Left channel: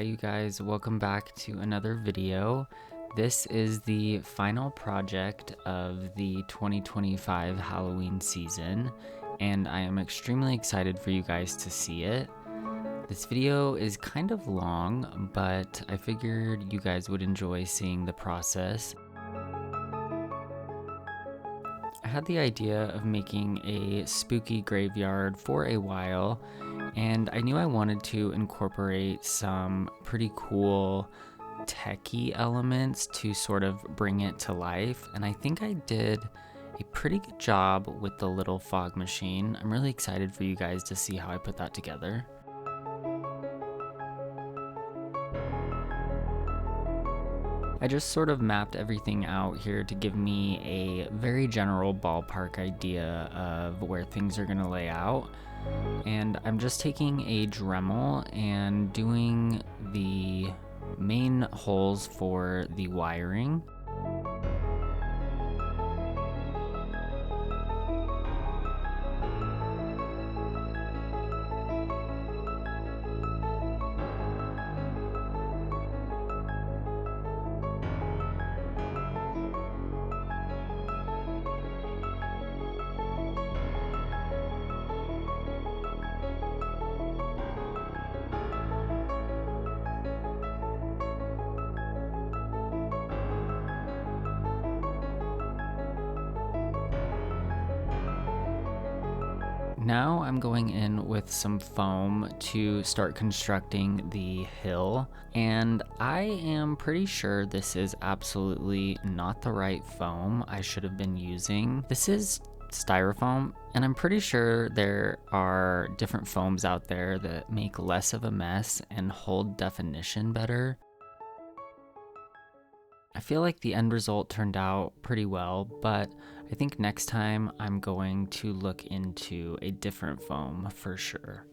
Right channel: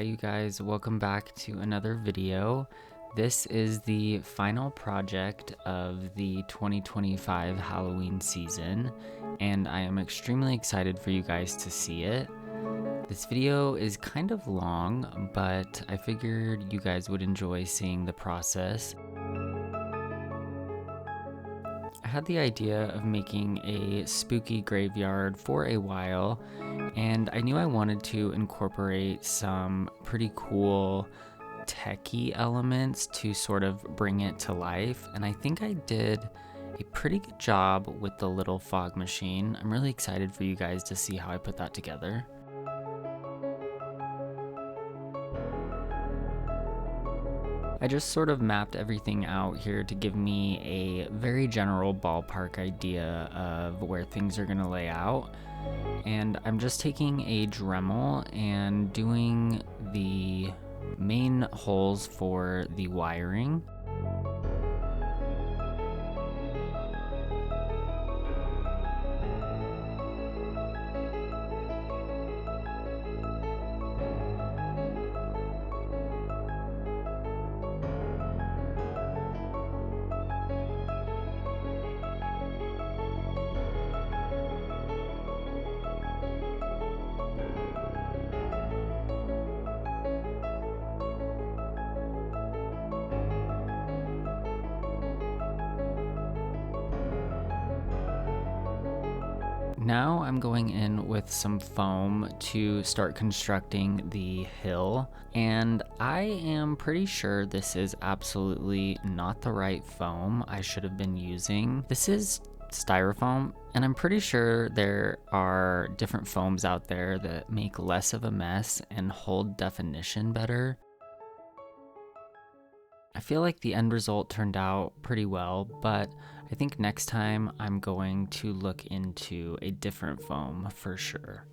Hi you guys, welcome back to another video. This is the final project of the 2025 Halloween season, and I am extremely excited for you guys to see it. This video is kind of long, but I figured you guys would enjoy seeing the process. I had the idea of making a spooky graveyard for a while, and I knew I wanted to incorporate some pretty cool techie elements to sort of bring it to life, and I think I did a pretty good job with the little fog machine. I'm really excited for you guys to see how I put that together. I just sort of mapped everything out here to give me a very general ballpark idea of where things are going to lay out. And I'm just taking a Dremel and doing the main holes for the wiring. Now I'm going in with some foam to start constructing the hill, and I am pretty sure this is absolutely not the right foam I should have been using. This is styrofoam, and I'm pretty sure there are different foams out there that make less of a mess and hold definition better. I feel like the end result turned out pretty well, but I think next time I'm going to look into a different foam for sure.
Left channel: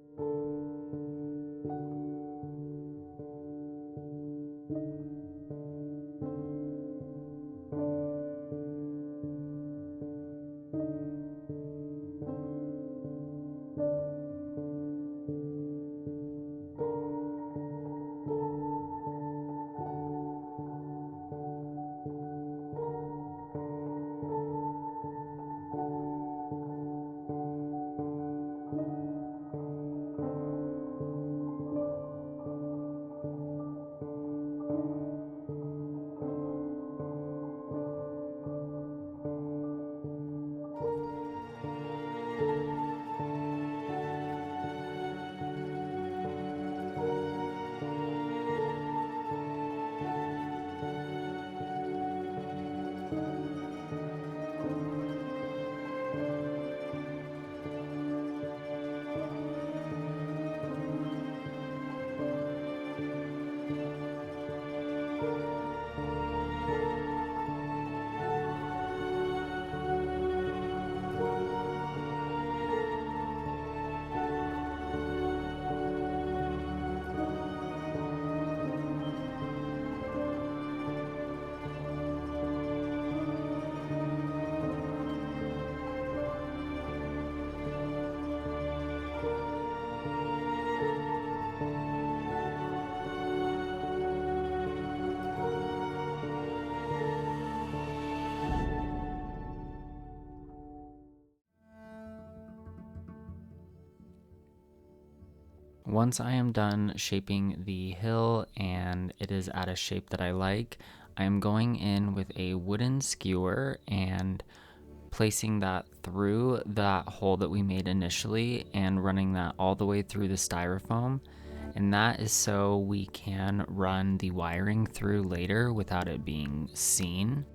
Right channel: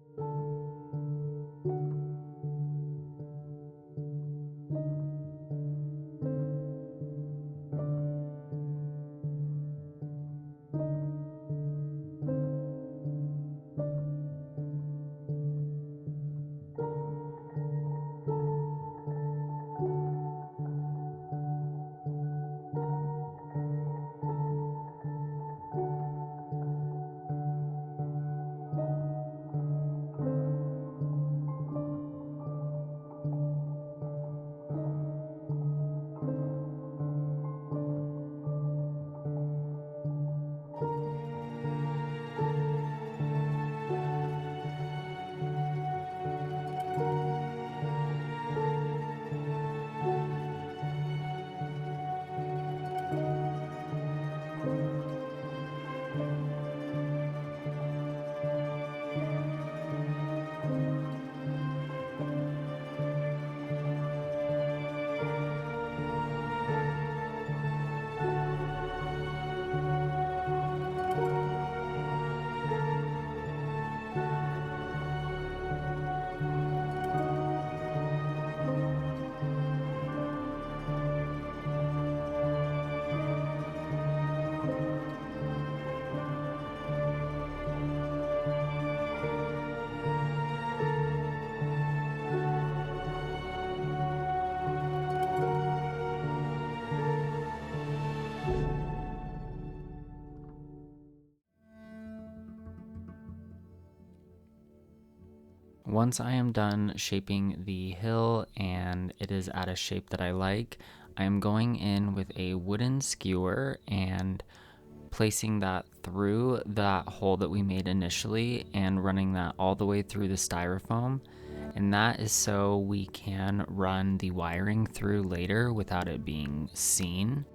Once I am done shaping the hill and it is at a shape that I like, I am going in with a wooden skewer and placing that through that hole that we made initially and running that all the way through the styrofoam. And that is so we can run the wiring through later without it being seen.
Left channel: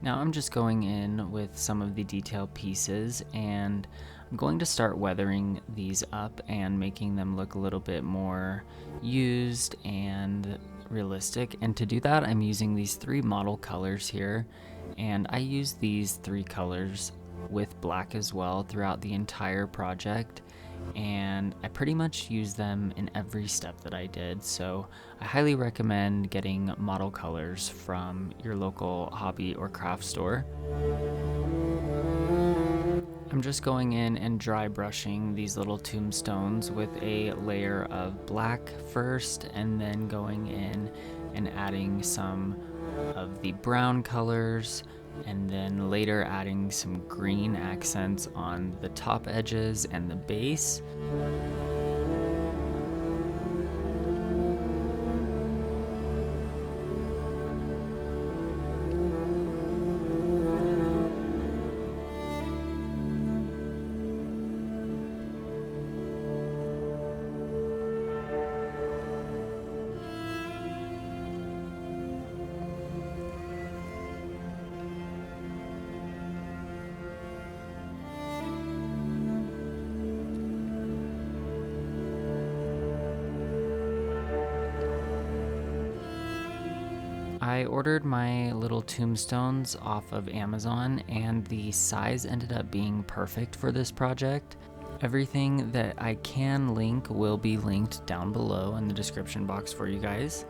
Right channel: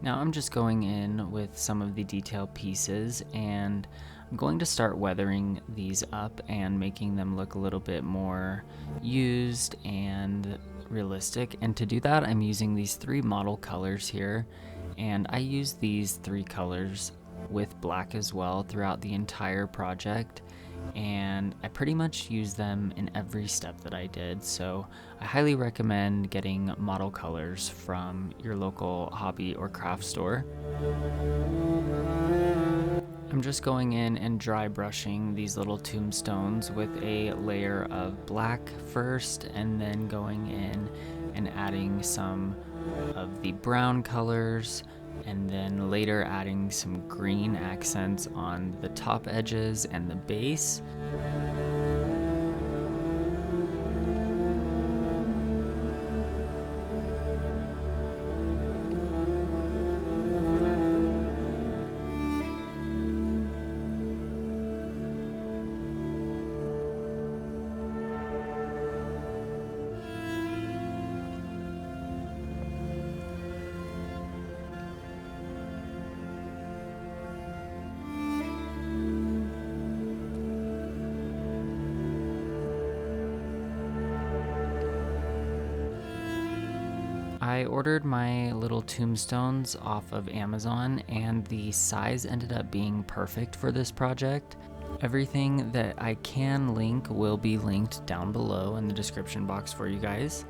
Now I'm just going in with some of the detail pieces, and I'm going to start weathering these up and making them look a little bit more used and realistic. And to do that, I'm using these three model colors here, and I use these three colors with black as well throughout the entire project, and I pretty much use them in every step that I did. So I highly recommend getting model colors from your local hobby or craft store. I'm just going in and dry brushing these little tombstones with a layer of black first, and then going in and adding some of the brown colors, and then later adding some green accents on the top edges and the base. I ordered my little tombstones off of Amazon, and the size ended up being perfect for this project. Everything that I can link will be linked down below in the description box for you guys.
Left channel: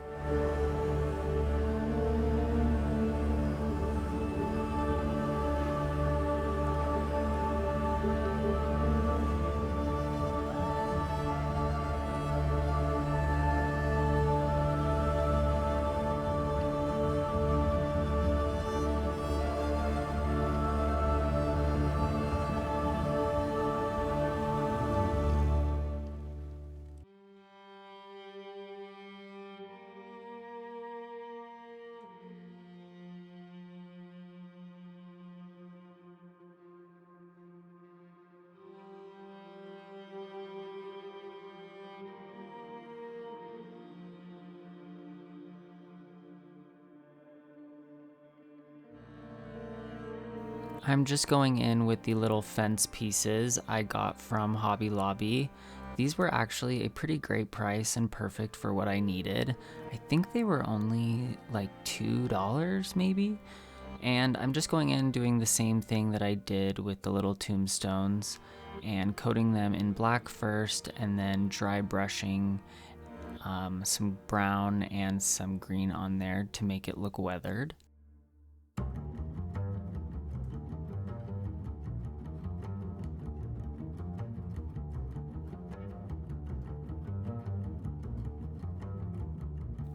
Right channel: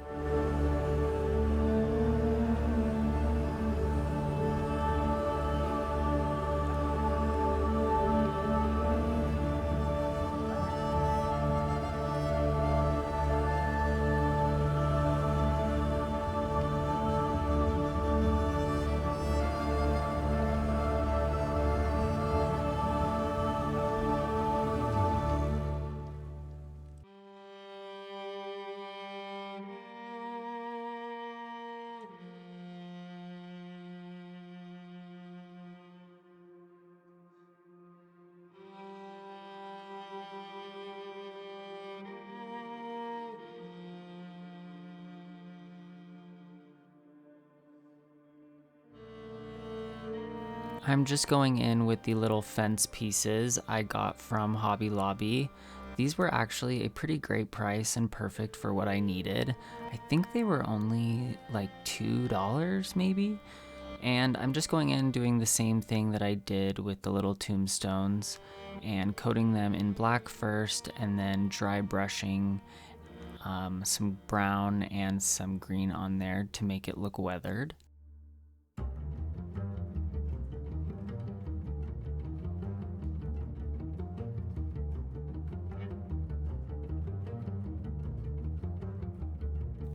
I'm just going in with the little fence pieces I got from Hobby Lobby. These were actually a pretty great price and perfect for what I needed. I think they were only like $2 maybe. And I'm just going in doing the same thing that I did with the little tombstones and coating them in black first, and then dry brushing some brown and some green on there to make it look weathered.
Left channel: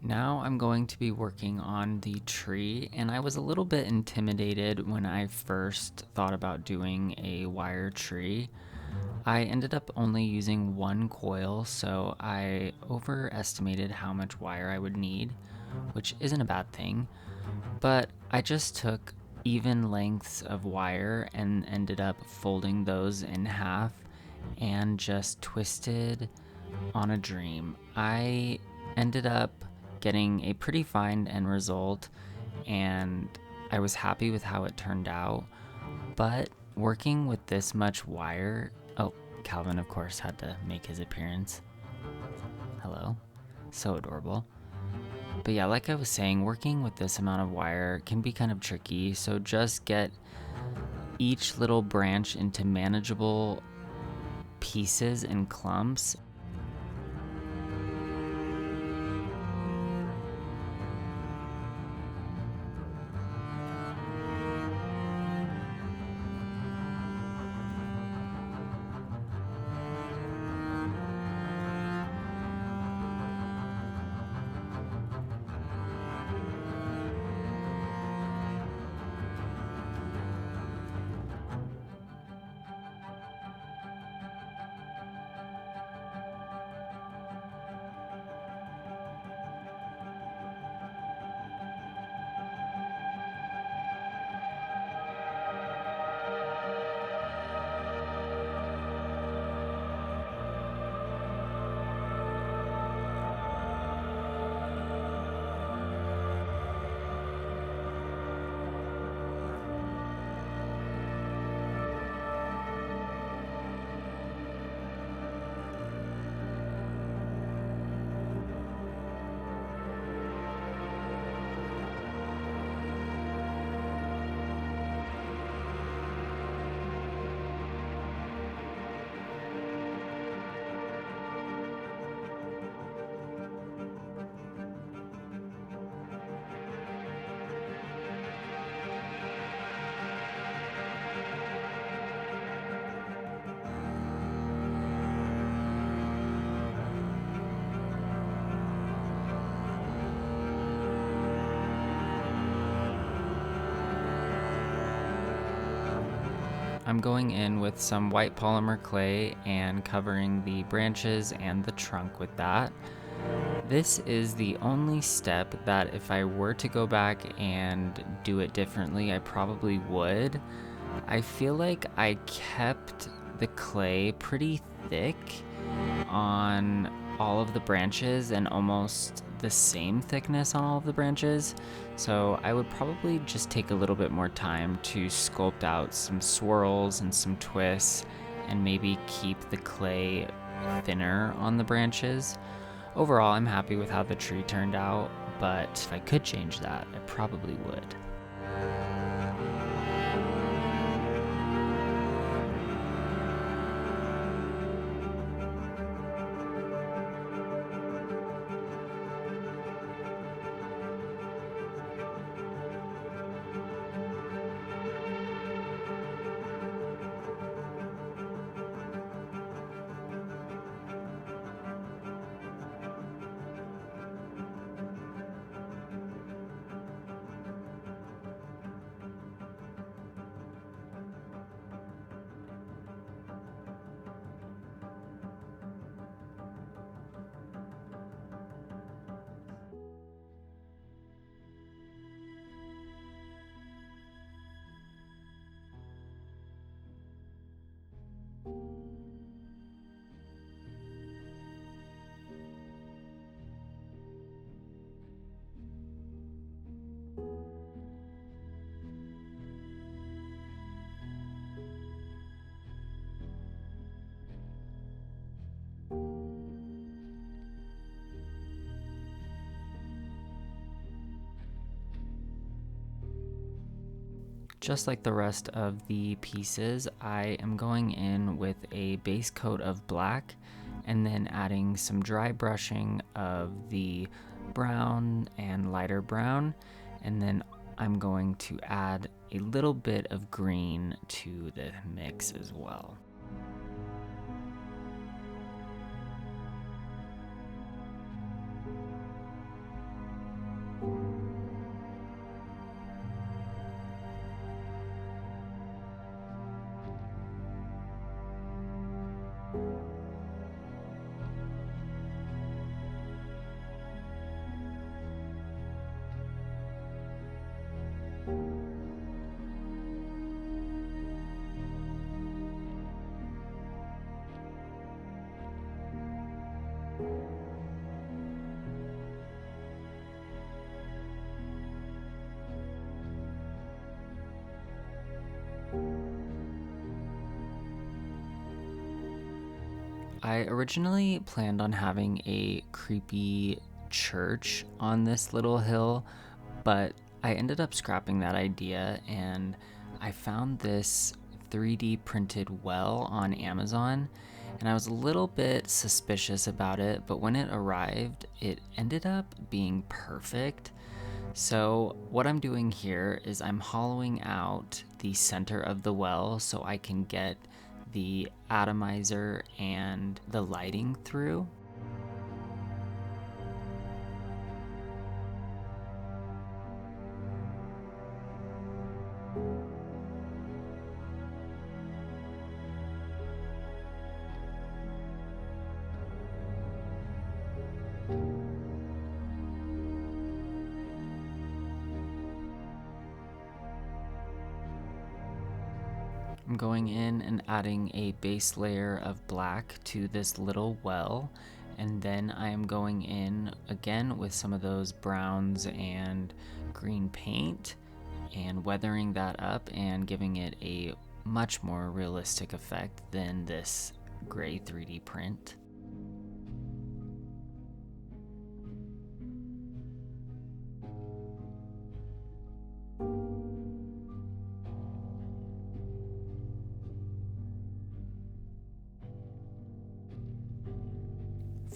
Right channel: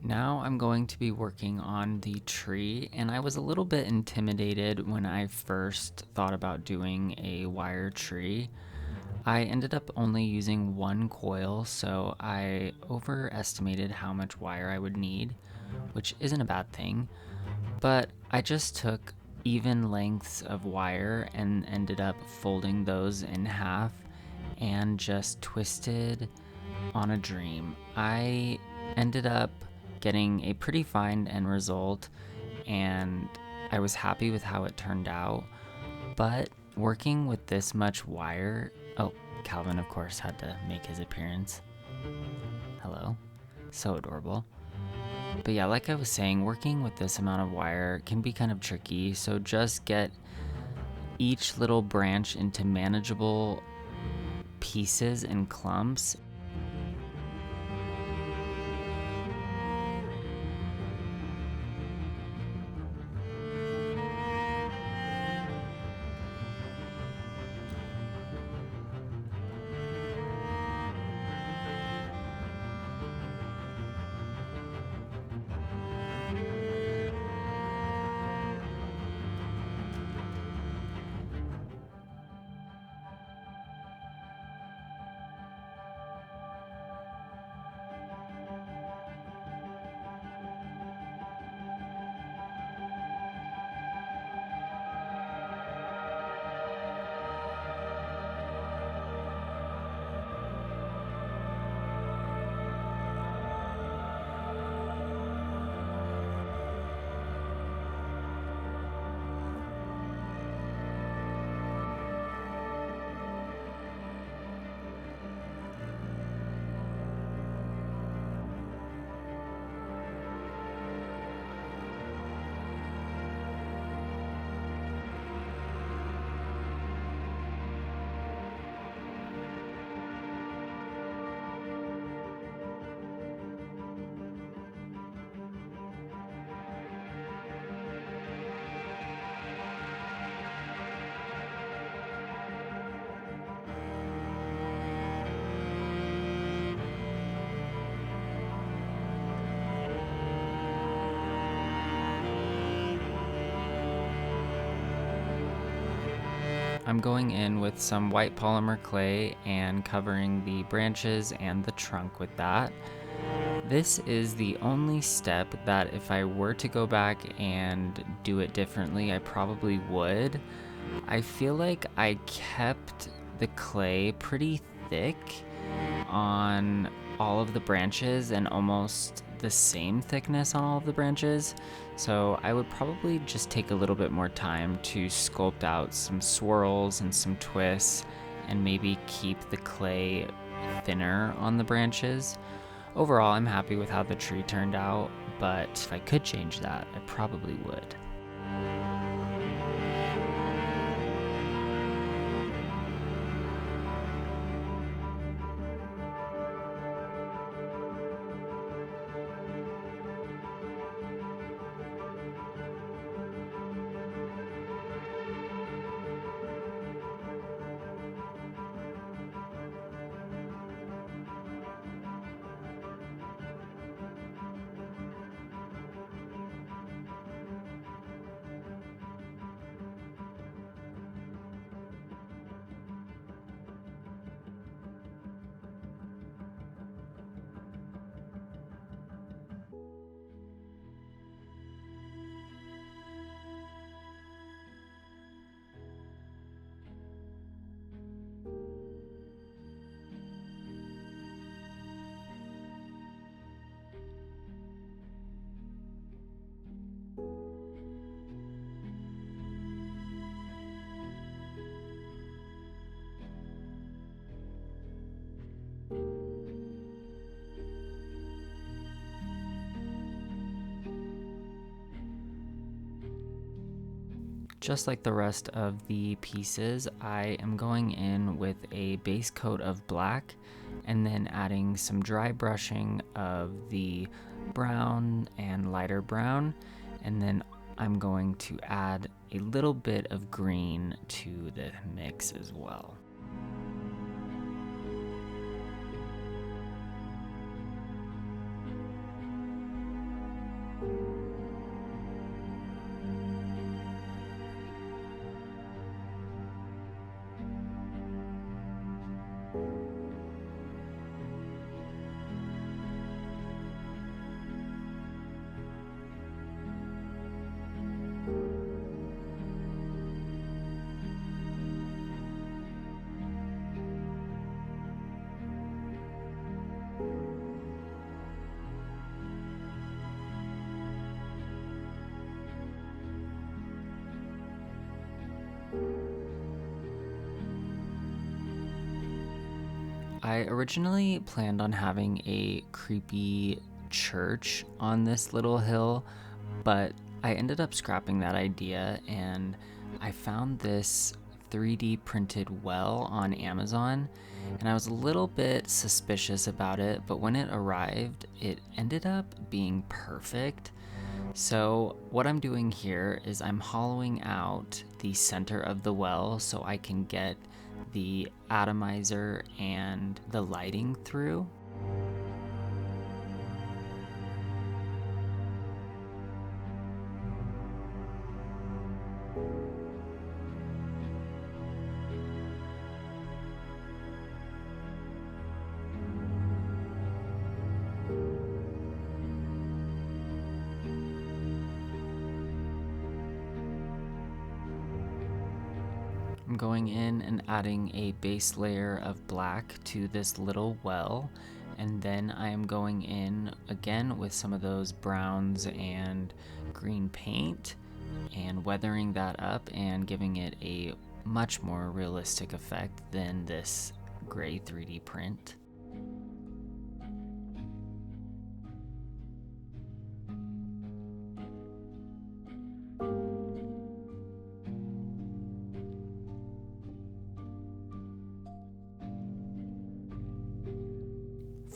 Now I'm going to be working on the tree, and I was a little bit intimidated when I first thought about doing a wire tree. I ended up only using one coil, so I overestimated how much wire I would need, which isn't a bad thing, but I just took even lengths of wire and ended up folding those in half and just twisted on a dream. I ended up getting a pretty fine end result, and I was happy with how it turned out. But working with this much wire, oh, Calvin of course had to make his appearance. Hello, so adorable. But yeah, like I was saying, working with this amount of wire can be kind of tricky, so just get each little branch into manageable pieces and clumps. I'm going in with some white polymer clay and covering the branches and the trunk with that. This is the only step that if I were to go back and do it differently, I probably would. I feel like I kept the clay pretty thick on all of the branches and almost the same thickness on all of the branches. So I would probably just take a little bit more time to sculpt out some swirls and some twists and maybe keep the clay thinner on the branches. Overall, I'm happy with how the tree turned out, but if I could change that, I probably would. Just like the rest of the pieces, I am going in with a base coat of black and then adding some dry brushing of the brown and lighter brown, and then I'm going to add a little bit of green to the mix as well. I originally planned on having a creepy church on this little hill, but I ended up scrapping that idea and I found this 3D printed well on Amazon, and I was a little bit suspicious about it, but when it arrived, it ended up being perfect. So what I'm doing here is I'm hollowing out the center of the well so I can get the atomizer and the lighting through. I'm going in and adding a base layer of black to this little well, and then I am going in again with some of those browns and green paint and weathering that up and giving it a much more realistic effect than this gray 3D print.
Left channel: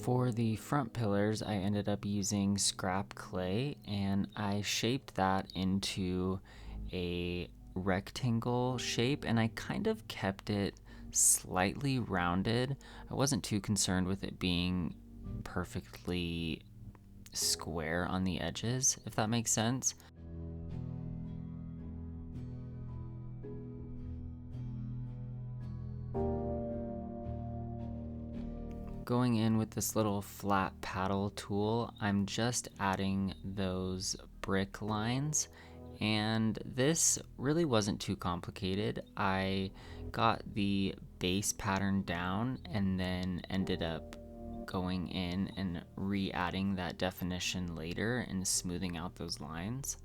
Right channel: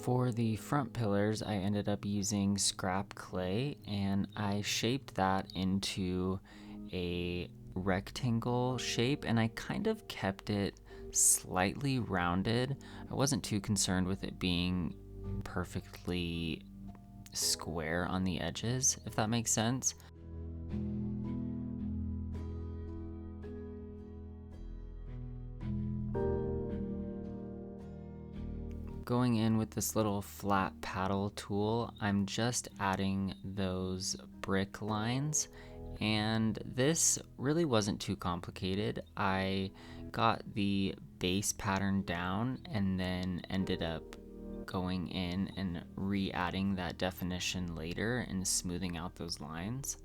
For the front pillars, I ended up using scrap clay and I shaped that into a rectangle shape, and I kind of kept it slightly rounded. I wasn't too concerned with it being perfectly square on the edges, if that makes sense. Going in with this little flat paddle tool, I'm just adding those brick lines, and this really wasn't too complicated. I got the base pattern down and then ended up going in and re-adding that definition later and smoothing out those lines.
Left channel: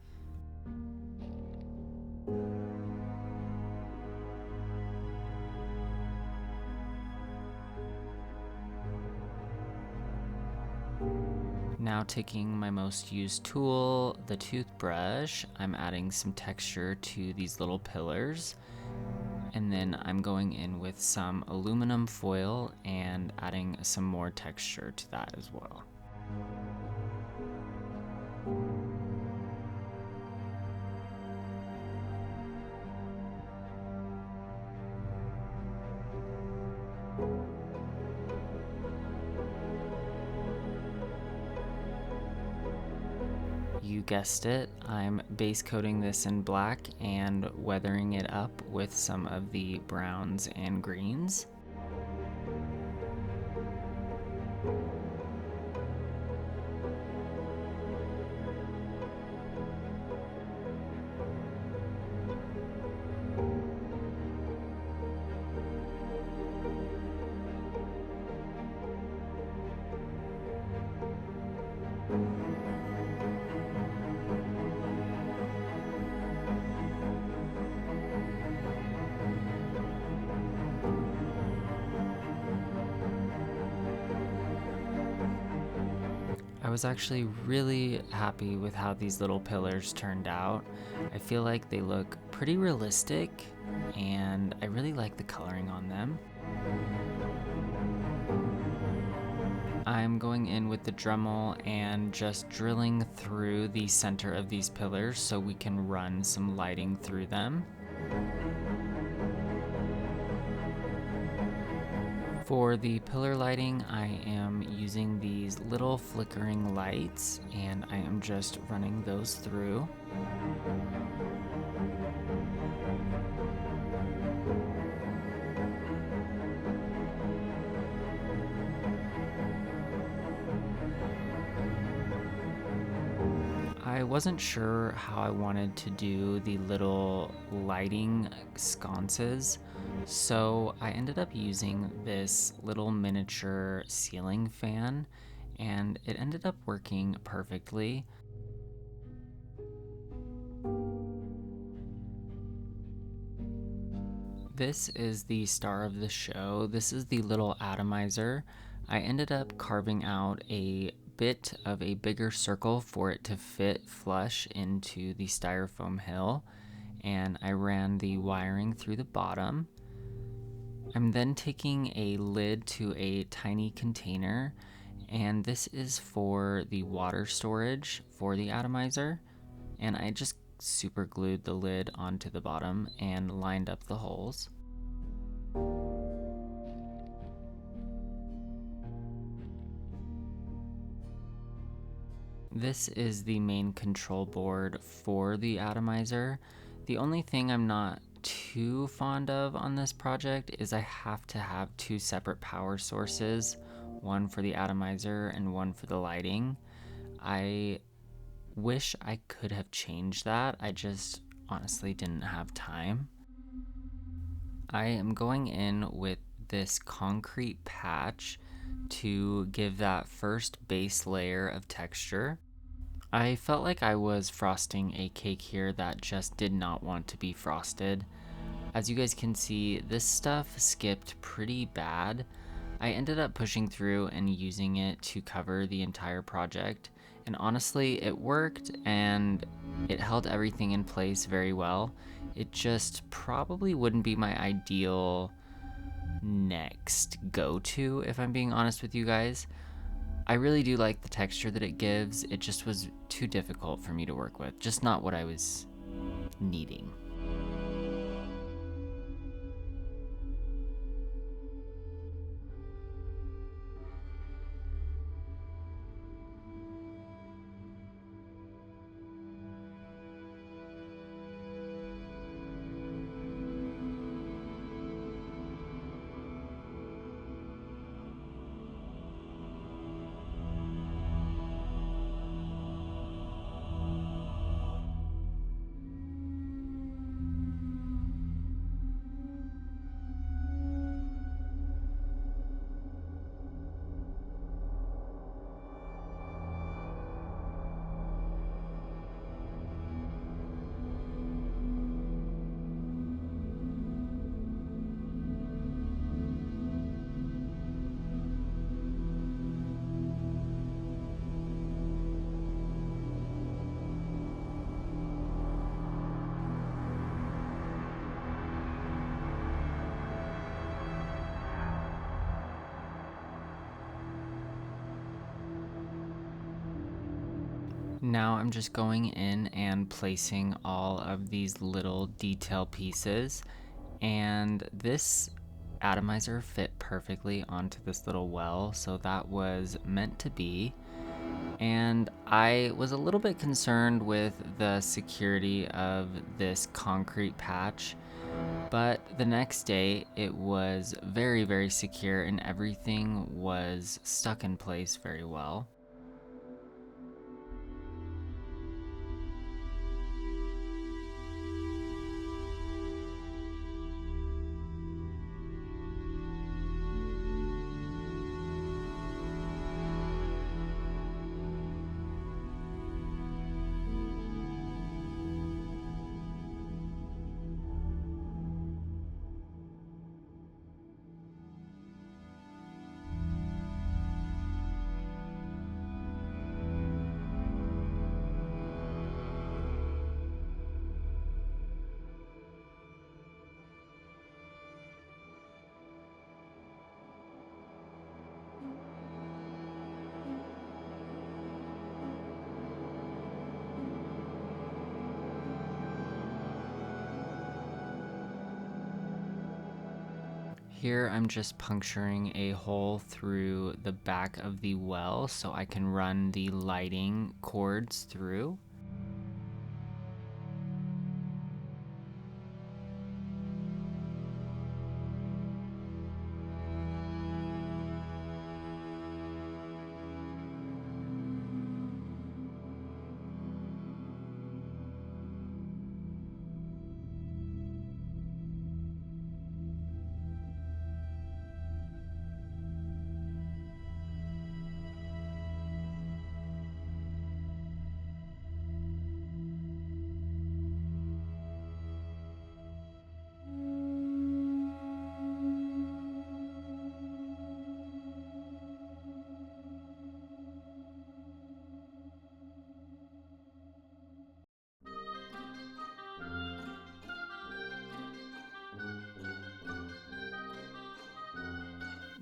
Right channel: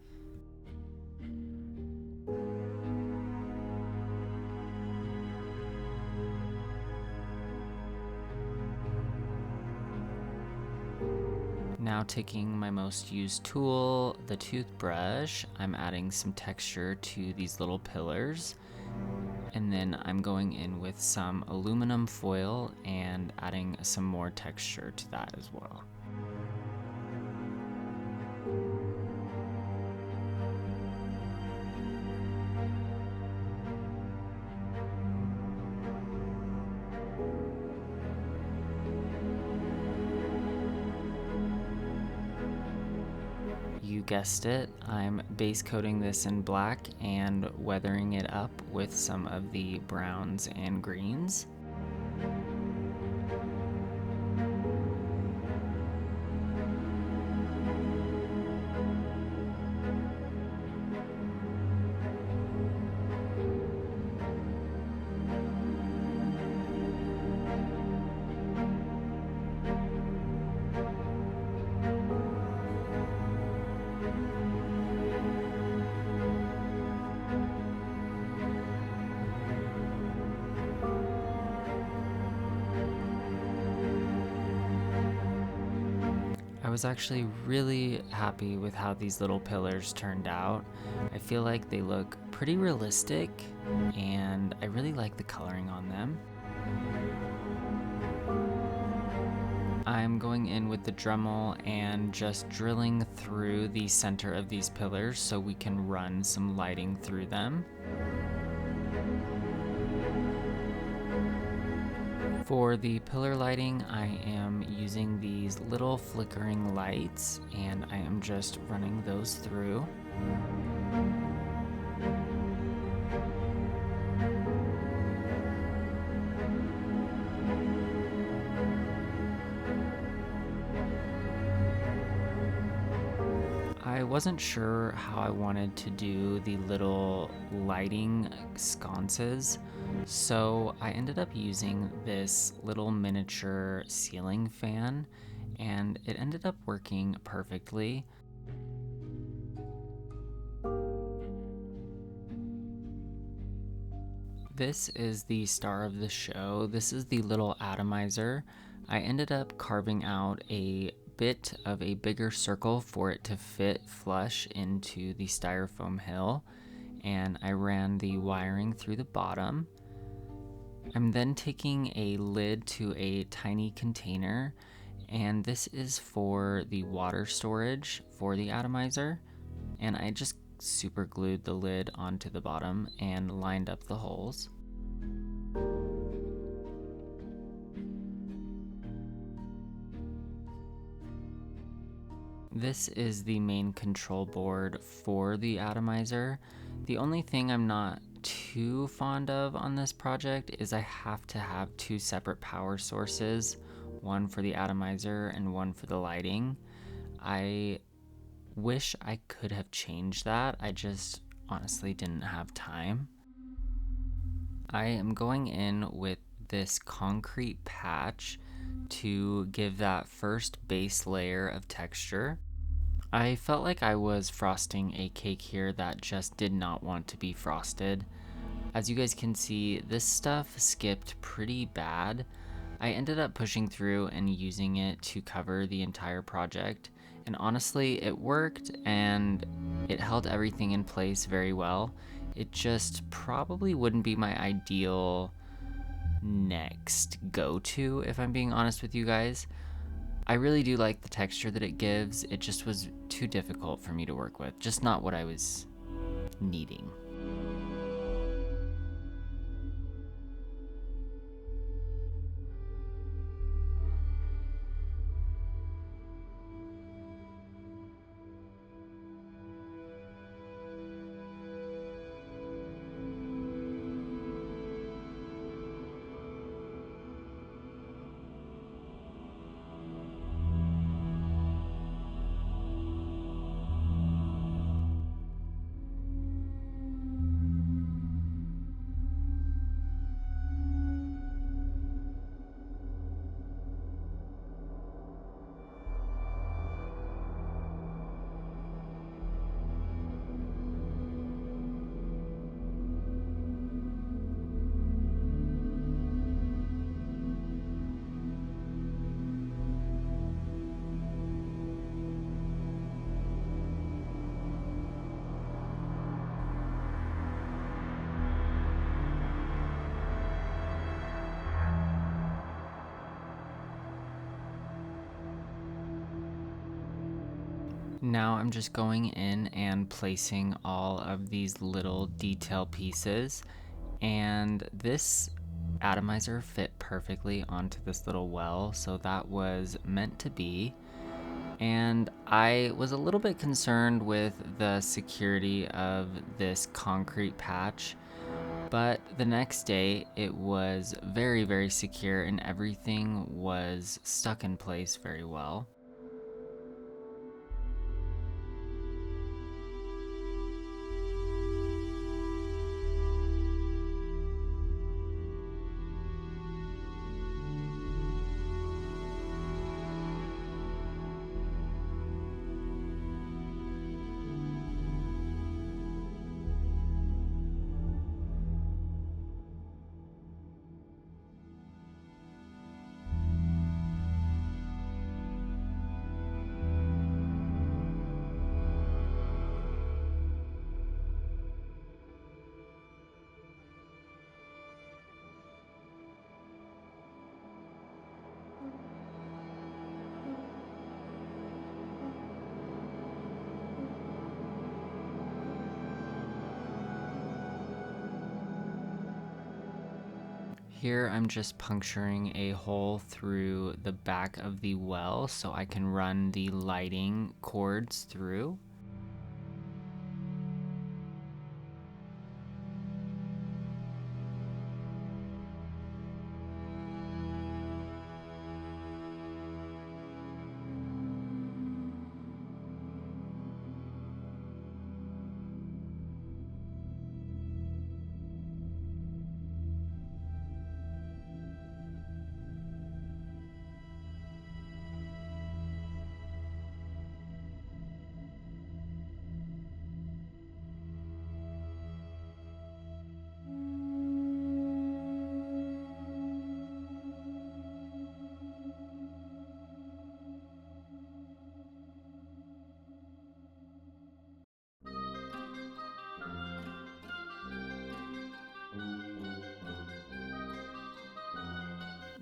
Now taking my most used tool, the toothbrush, I'm adding some texture to these little pillars. And then I'm going in with some aluminum foil and adding some more texture to that as well. You guessed it, I'm base coating this in black and weathering it up with some of the browns and greens. I was actually really happy with how these little pillars turned out. I feel like they look pretty realistic and I really like the coloring on them. I'm going in with the Dremel and just drilling through the center of these pillars so we can run some lighting through them. For the pillar lighting, I am using these little flickering lights and I am just running those through. I wasn't sure how I wanted to do the little lighting sconces, so I ended up using this little miniature ceiling fan, and it ended up working perfectly. This is the star of the show. This is the little atomizer. I ended up carving out a bit of a bigger circle for it to fit flush into the styrofoam hill, and I ran the wiring through the bottom. I'm then taking a lid to a tiny container, and this is for the water storage for the atomizer, and I just super glued the lid onto the bottom and lined up the holes. This is the main control board for the atomizer. The only thing I'm not too fond of on this project is I have to have two separate power sources, one for the atomizer and one for the lighting. I wish I could have changed that. I just honestly didn't have time. I am going in with this concrete patch to give that first base layer of texture. I felt like I was frosting a cake here that just did not want to be frosted. As you guys can see, this stuff skipped pretty bad. I ended up pushing through and using it to cover the entire project, and honestly, it worked and it held everything in place very well. It just probably wouldn't be my ideal next go-to, if I'm being honest with you guys. I really do like the texture that it gives. It just was too difficult for me to work with, just not what I was needing. Now I'm just going in and placing all of these little detail pieces, and this atomizer fit perfectly onto this little well, so that was meant to be. And I was a little bit concerned with the security of this concrete patch, but the next day it was very, very secure and everything was stuck in place very well. Here I'm just puncturing a hole through the back of the well so I can run the lighting cords through.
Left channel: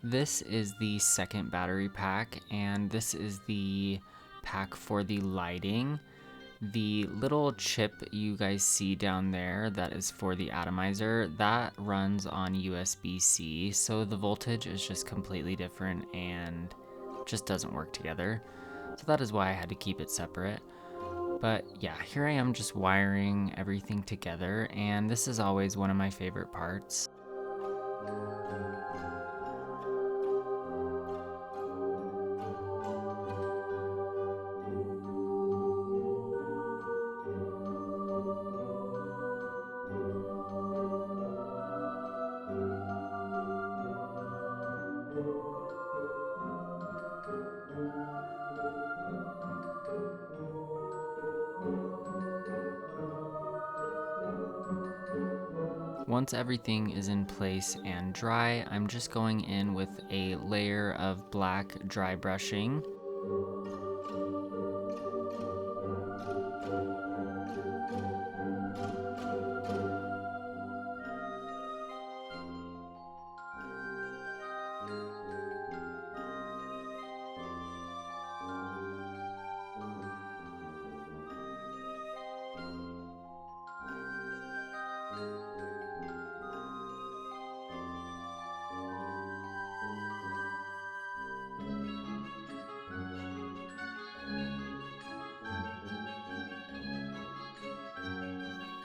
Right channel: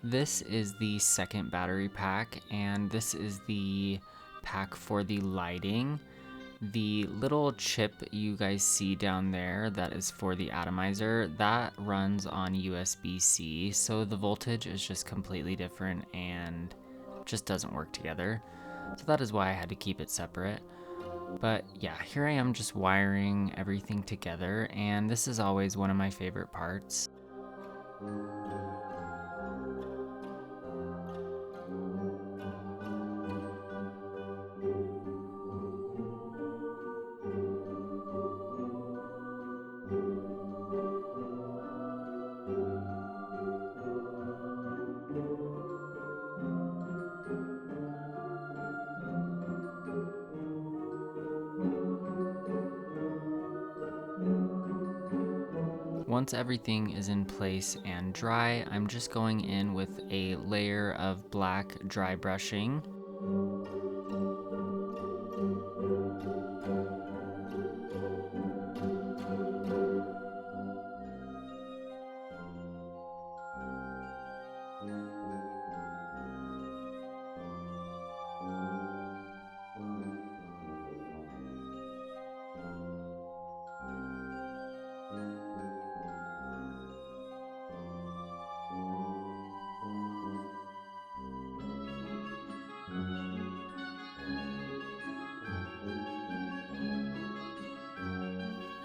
This is the second battery pack, and this is the pack for the lighting. The little chip you guys see down there that is for the atomizer, that runs on USB-C, so the voltage is just completely different and just doesn't work together. So that is why I had to keep it separate. But yeah, here I am just wiring everything together, and this is always one of my favorite parts. Once everything is in place and dry, I'm just going in with a layer of black dry brushing.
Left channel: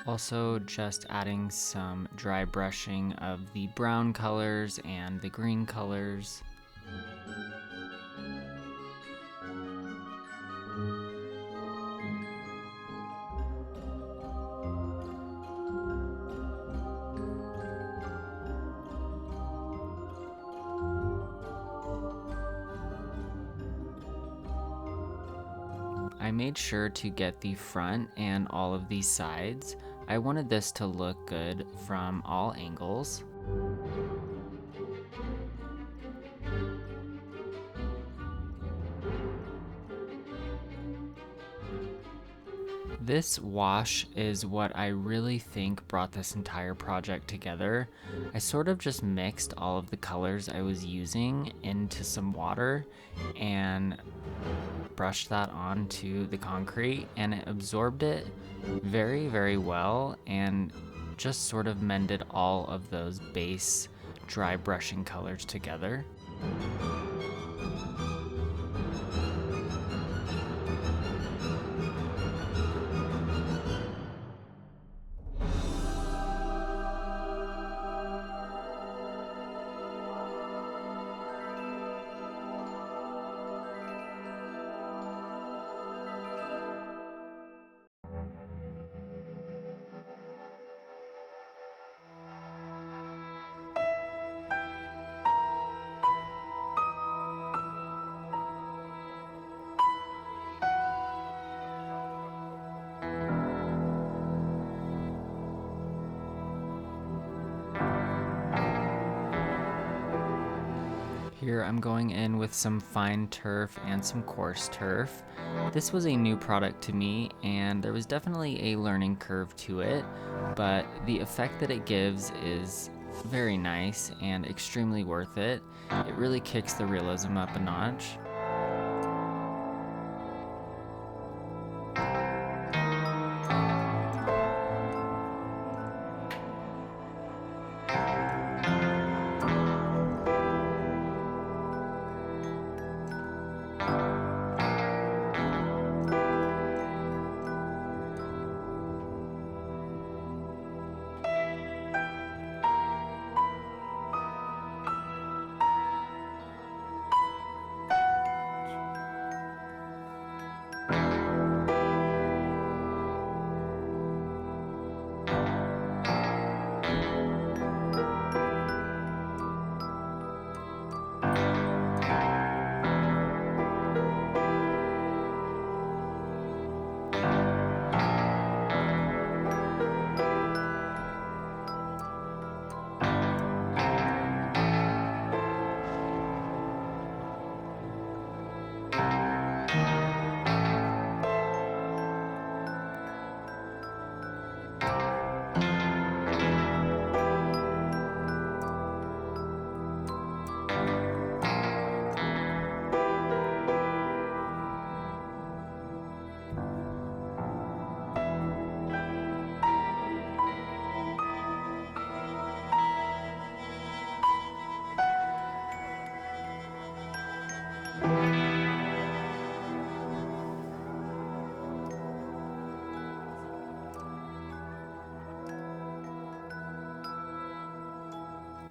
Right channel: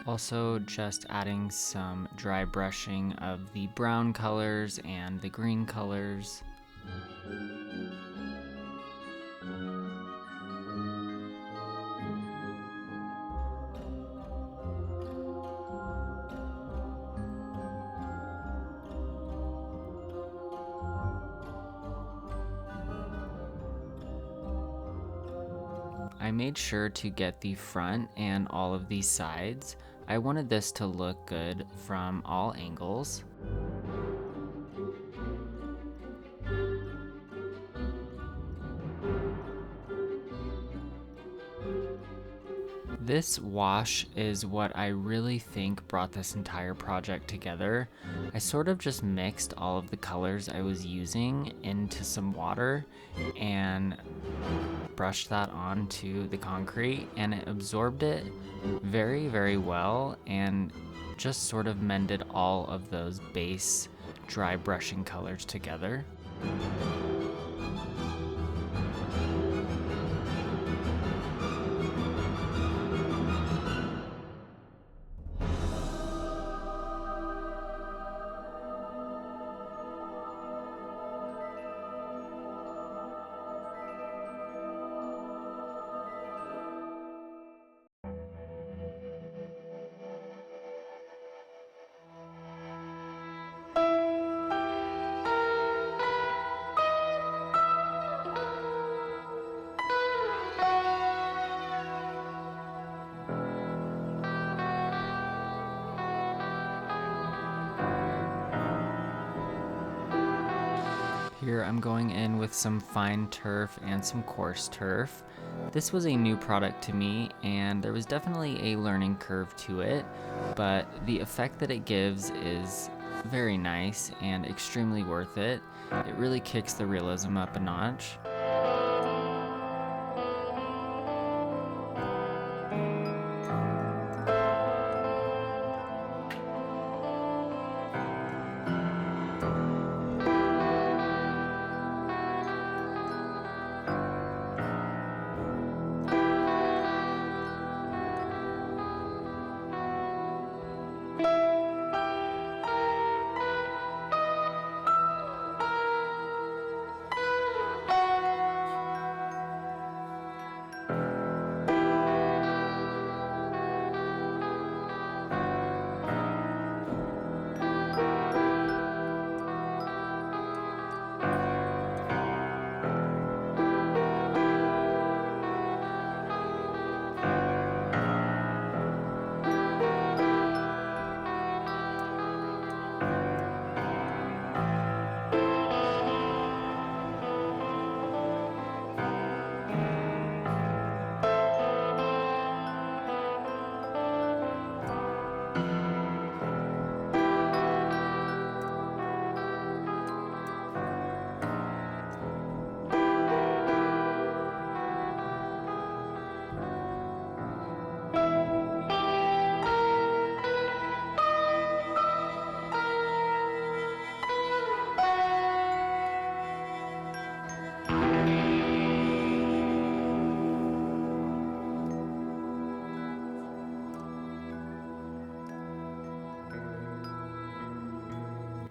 Also just adding some dry brushing of the brown colors and the green colors. I made sure to get the front and all of these sides. I wanted this to look good from all angles. This wash is what I really think brought this entire project together. I sort of just mixed all of the colors I was using into some water and brushed that onto the concrete, and it absorbed it very, very well and just sort of mended all of those base dry brushing colors together. Here I'm going in with some fine turf and some coarse turf. This was a new product to me, and there was definitely a learning curve to it, but the effect that it gives is very nice and extremely worth it. It really kicks the realism up a notch.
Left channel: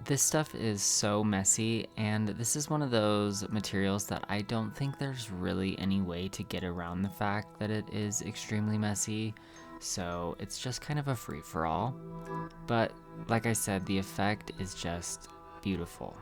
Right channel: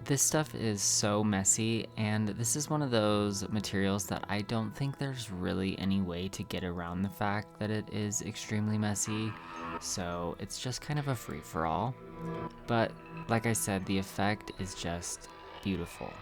This stuff is so messy, and this is one of those materials that I don't think there's really any way to get around the fact that it is extremely messy, so it's just kind of a free-for-all. But like I said, the effect is just beautiful.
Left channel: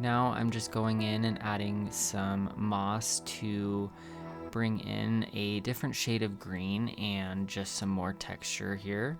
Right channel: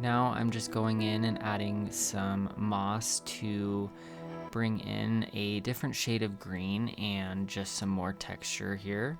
Now I'm just going in and adding some moss to bring in a different shade of green and just some more texture here.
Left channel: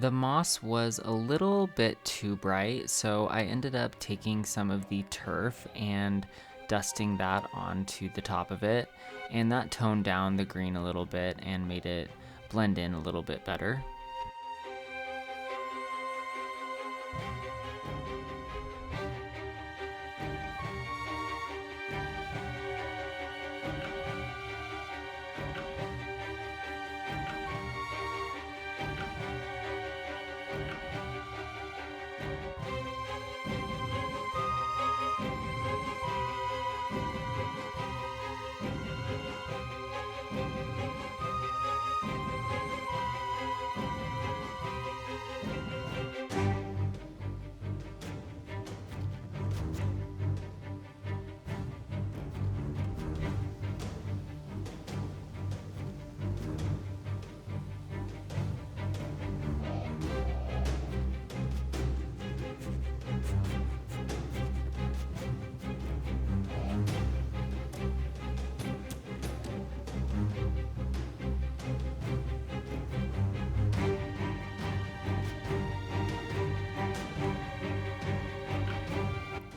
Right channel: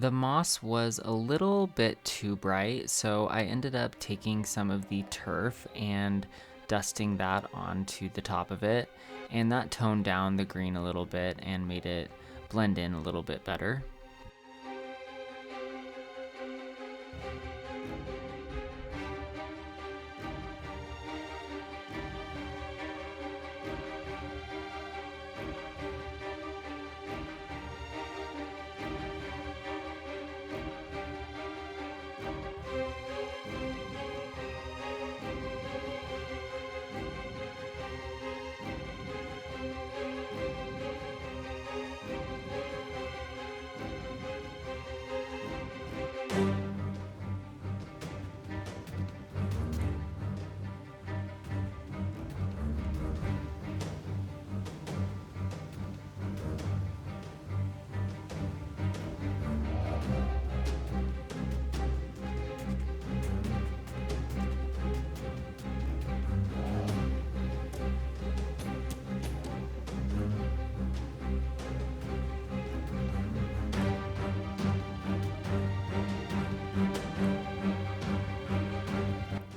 The moss was a little bit too bright, so I ended up taking some of the turf and dusting that onto the top of it, and that toned down the green a little bit and made it blend in a little bit better.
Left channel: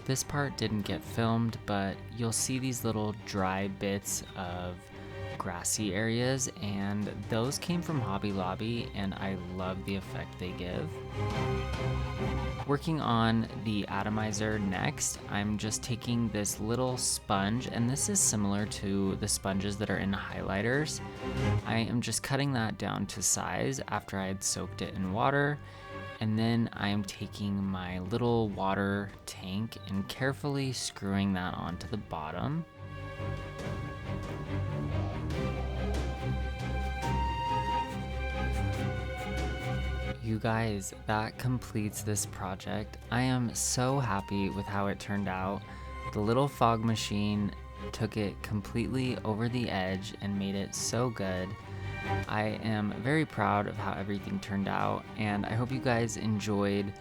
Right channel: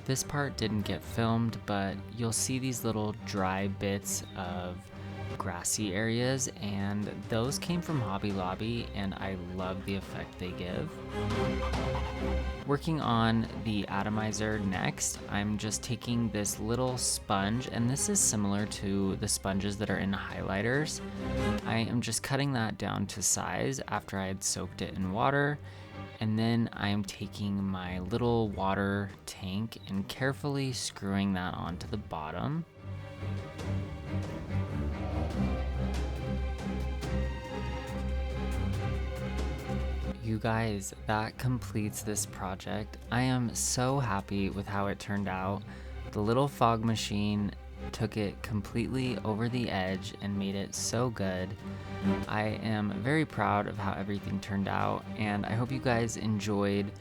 This part didn't get filmed, but you'll see these little dry bits of grassy areas, and those came from Hobby Lobby, and I love the effect they give. Working on the atomizer next, I'm just taking this little sponge, and this is similar to the sponges that are in highlighters. I am just cutting that down to size after I had soaked it in water. And then I'm taking my little water tank and carefully screwing that onto the bottom. You guys, that completes this project. I am so happy with how it turned out. The little fog machine took it completely over the edge and made it so good. I am very proud of how everything turned out, and I hope you guys enjoyed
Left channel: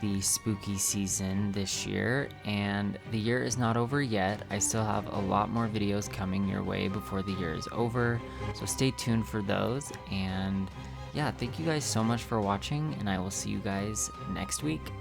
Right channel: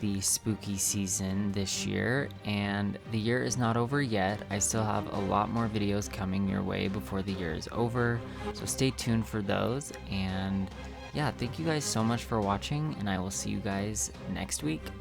the spooky season this year. And the year is not over yet. I still have a lot more videos coming your way before the year is over, so stay tuned for those. And yeah, thank you guys so much for watching, and I will see you guys next week.